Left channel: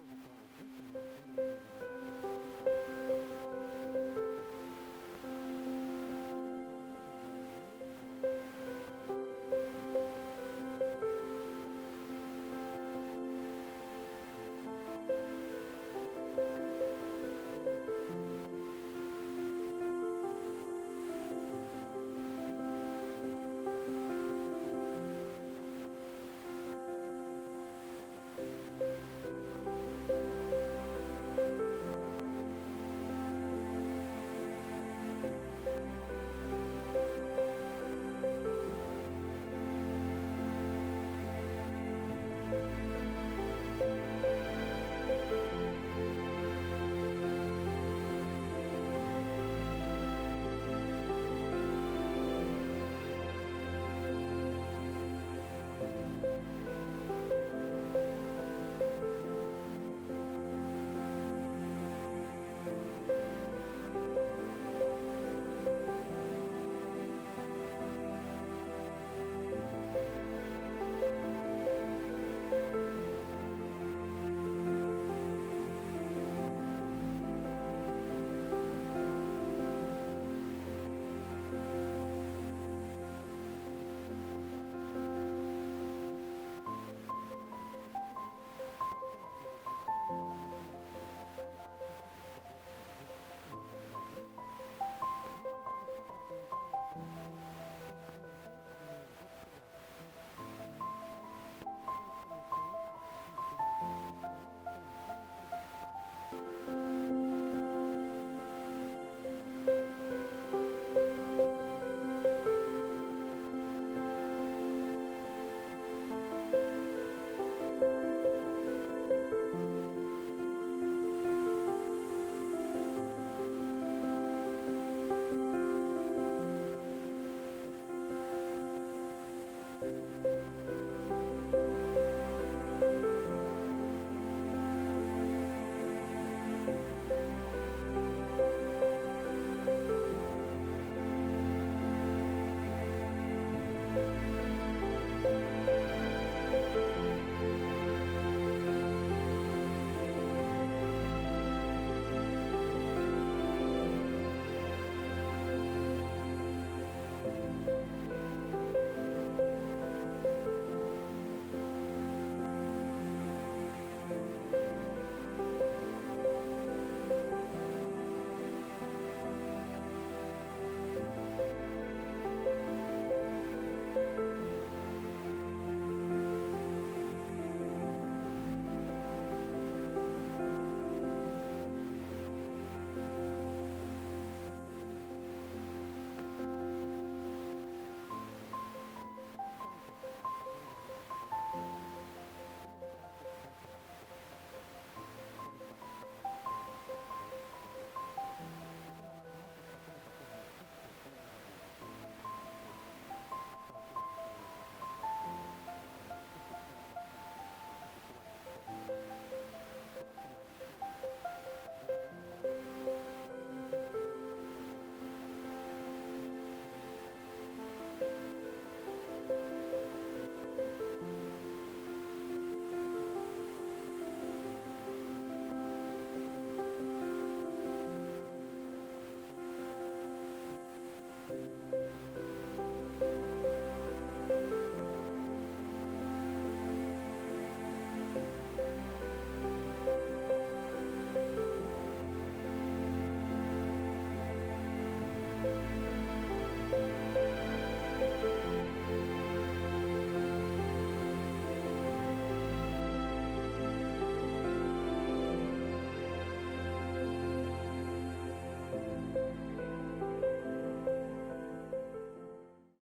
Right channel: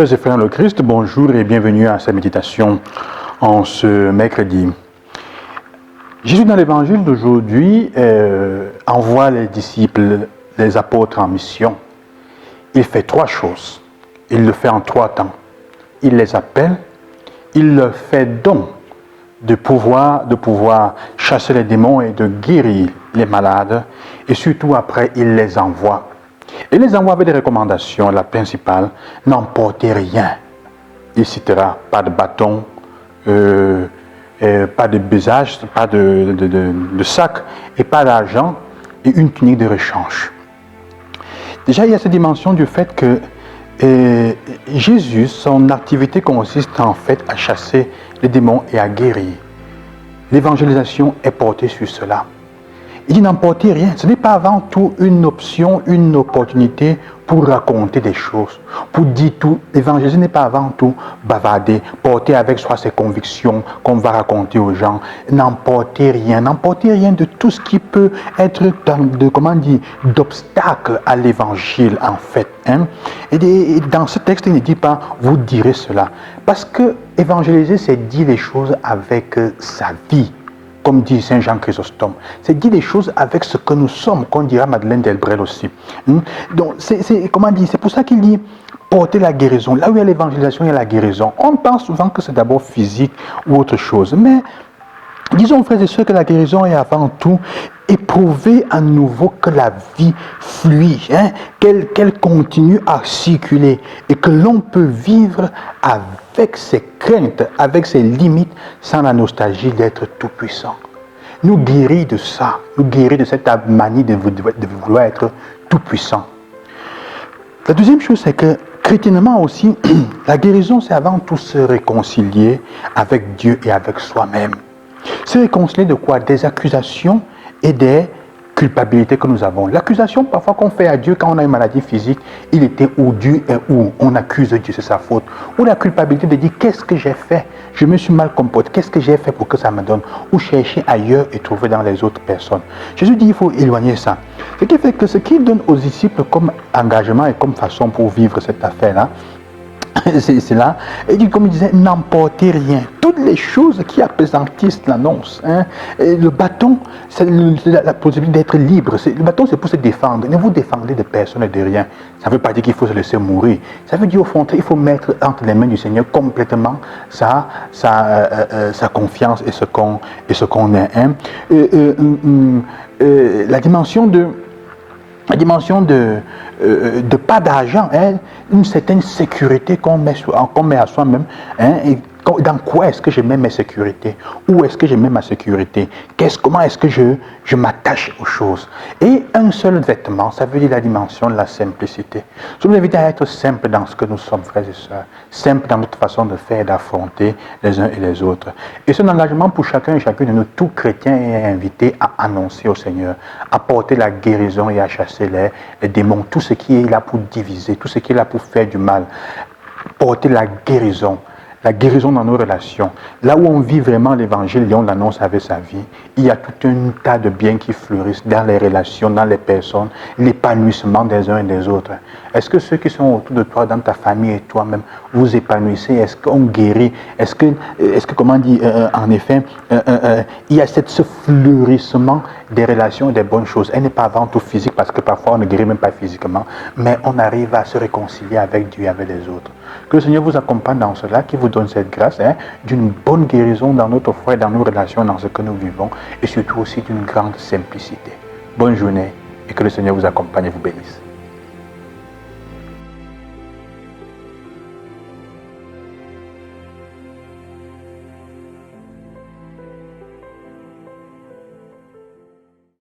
Sœurs et frères dans le Christ, bonjour et bienvenue à cette méditation en ce mercredi. Jésus dans l'évangile d'aujourd'hui envoie les disciples, les apôtres en mission. Il fait trois choses. Il le fait en trois temps. Il les appelle, il leur fait don de pouvoir chasser les démons et de guérir les malades. Et surtout après, il les envoie. Il les envoie avec des recommandations. La principale, n'emportez rien. Il citera pas de bâton, pas de besage, pas de sac et pas d'argent et une tunique de rechange. Déjà, il y a cette dimension du fait que Jésus, son activité consiste en fait à chasser les démons et à guérir. L'évangélisation est portée sur cela. Il dit n'emportez rien. Ce n'est pas avant tout une option, une opportunité pour raconter des choses, pour dire tout. L'évangélisme n'est pas avant tout bavarder, porter avec soi ses convictions qu'on va raconter aux gens. N'emportez rien de tout ce qui peut être d'obstacle à l'évangile en fait. Et dans ce texte, il ne dit pas vous direz cela. Parce que évangéliser, c'est dire les choses avec sa vie. Comme dit Saint Jean Chrysostome, c'est dire les choses avec ce que nous sommes, qu'on dira Madeleine Delbrel aussi. Donc, c'est pour ça qu'il dit porter la guérison. Là où il y a l'évangélisation, il y a la guérison. On pense souvent que c'est d'abord physique ou autre chose. Mais disons, frères et sœurs, que la guérison est avant tout éprouver à nouveau que la vie fluide, qu'elle continue à circuler et que l'on peut vivre avec ses craintes, avec ses limites, sans la nostalgie d'être tout-puissant. Nous guérir de ça, nous guérir de cette manie de vouloir être tout-puissant. La deuxième chose, c'est que chrétiennement aussi, la guérison, c'est avant tout se réconcilier avec Dieu et avec soi-même. Se réconcilier de quoi? Des accusations et des culpabilités que nous avons. L'accusation parfois qu'on fait à Dieu quand on a une maladie physique, il était où, Dieu est où, on accuse Dieu, c'est sa faute. Ou la culpabilité de dire qu'est-ce que j'ai fait, je me suis mal comporté, qu'est-ce que j'ai fait pour que ça me donne, ou chercher ailleurs et trouver dans les autres personnes. Jésus dit il faut éloigner ça. Ce qui fait que ce qu'il donne aux disciples comme engagement et comme façon pour vivre cette affaire-là, c'est là, et dit, comme il disait, n'emportez rien. Toutes les choses qui appesantissent l'annonce. Le bâton, c'est la possibilité d'être libre. Le bâton, c'est pour se défendre. Ne vous défendez de personne et de rien. Ça ne veut pas dire qu'il faut se laisser mourir. Ça veut dire au fond, il faut mettre entre les mains du Seigneur complètement sa confiance et ce qu'on est. La dimension de pas d'argent, une certaine sécurité qu'on met à soi-même. Et dans quoi est-ce que je mets mes sécurités? Où est-ce que je mets ma sécurité? Comment est-ce que je m'attache aux choses? Et un seul vêtement, ça veut dire la dimension de la simplicité. Je vous invite à être simple dans ce que nous sommes, frères et sœurs. Simple dans notre façon de faire et d'affronter les uns et les autres. Et c'est un engagement pour chacun et chacune de nous, tout chrétien est invité à annoncer au Seigneur, à porter la guérison et à chasser les démons, tout ce qui est là pour diviser, tout ce qui est là pour faire du mal. Porter la guérison dans nos relations. Là où on vit vraiment l'évangile et on l'annonce avec sa vie, il y a tout un tas de biens qui fleurissent dans les relations, dans les personnes, l'épanouissement des uns et des autres. Est-ce que ceux qui sont autour de toi, dans ta famille et toi-même, vous épanouissez? Est-ce qu'on guérit? Est-ce que comment dire, en effet, il y a ce fleurissement des relations et des bonnes choses. Elle n'est pas avant tout physique parce que parfois on ne guérit même pas physiquement, mais on arrive à se réconcilier avec Dieu et avec les autres. Que le Seigneur vous accompagne dans cela, qu'il vous donne cette grâce d'une bonne guérison dans notre foi et dans nos relations, dans ce que nous vivons, et surtout aussi d'une grande simplicité. Bonne journée et que le Seigneur vous accompagne et vous bénisse.